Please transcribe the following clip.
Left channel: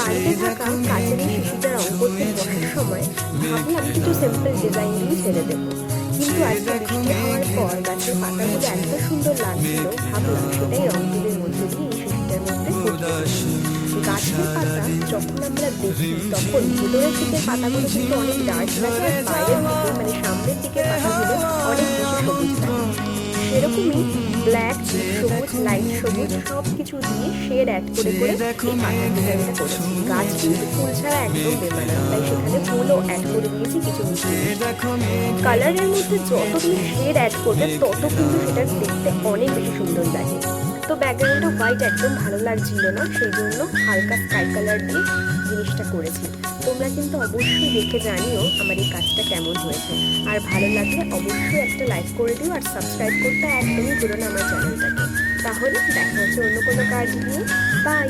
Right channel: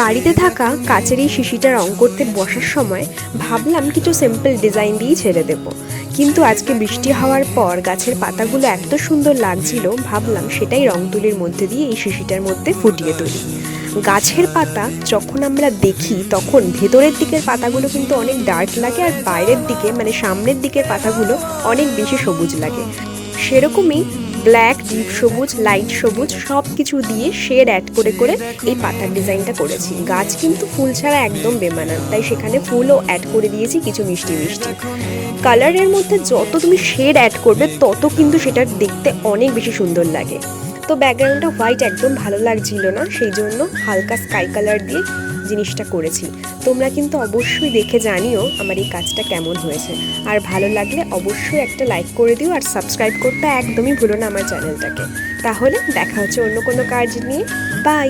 বাড়িতে থাকা কাচের এই শিশিটা রং করতে বসার সময় ভাবলাম কিছু সিম্পল ডিজাইন দিয়েই ছেড়ে দেবো, কিন্তু আজকে বৃষ্টি হওয়ার পর গাছের পাতাগুলো এত সুন্দর লাগছিল, ভাবলাম সেটাই রং তুলির মধ্যে দিয়ে এই শিশিটার মধ্যে ফুটিয়ে তুলি। গাছের পাতা যখন আমরা দেখি তখন ভেতরের দিকের পাতাগুলো কিন্তু অনেক ডার্ক লাগে, আর বাইরের দিকে মানে সামনের দিকের পাতাগুলো অনেক বেশি সবুজ লাগে। সেরকমই ব্ল্যাক, ডিপ সবুজ, লাইট সবুজ সব কিছু দিয়ে শেড অ্যাড করে করে এই পাতার ডিজাইনটা করেছি। গাছ কিন্তু ফুল ছাড়া একদম বেমানান, তাই সেখানে ফুলও অ্যাড করে দিয়েছি কিছু মিষ্টি মিষ্টি। কালারের মধ্যে যত তুমি শেড অ্যাড করবে তত কিন্তু সেটা দেখতে অনেক বেশি সুন্দর লাগে। তো ব্যাকগ্রাউন্ডটা হোয়াইট একদম ভালো লাগছিল না, সেই জন্য হালকা স্কাই কালার দিয়ে জিনিসটা করেছি। তোমরা কিন্তু অবশ্যই দেখে জানিও আমার এই কাজটা কেমন হয়েছে, আর ভালো লাগলে অবশ্যই একটা লাইক করে দিও, আর সাবস্ক্রাইব করতে একদমই ভুলো না আমার চ্যানেলটাকে। তাহলে দেখা হচ্ছে অন্য কোনো কাজ নিয়ে। বাই।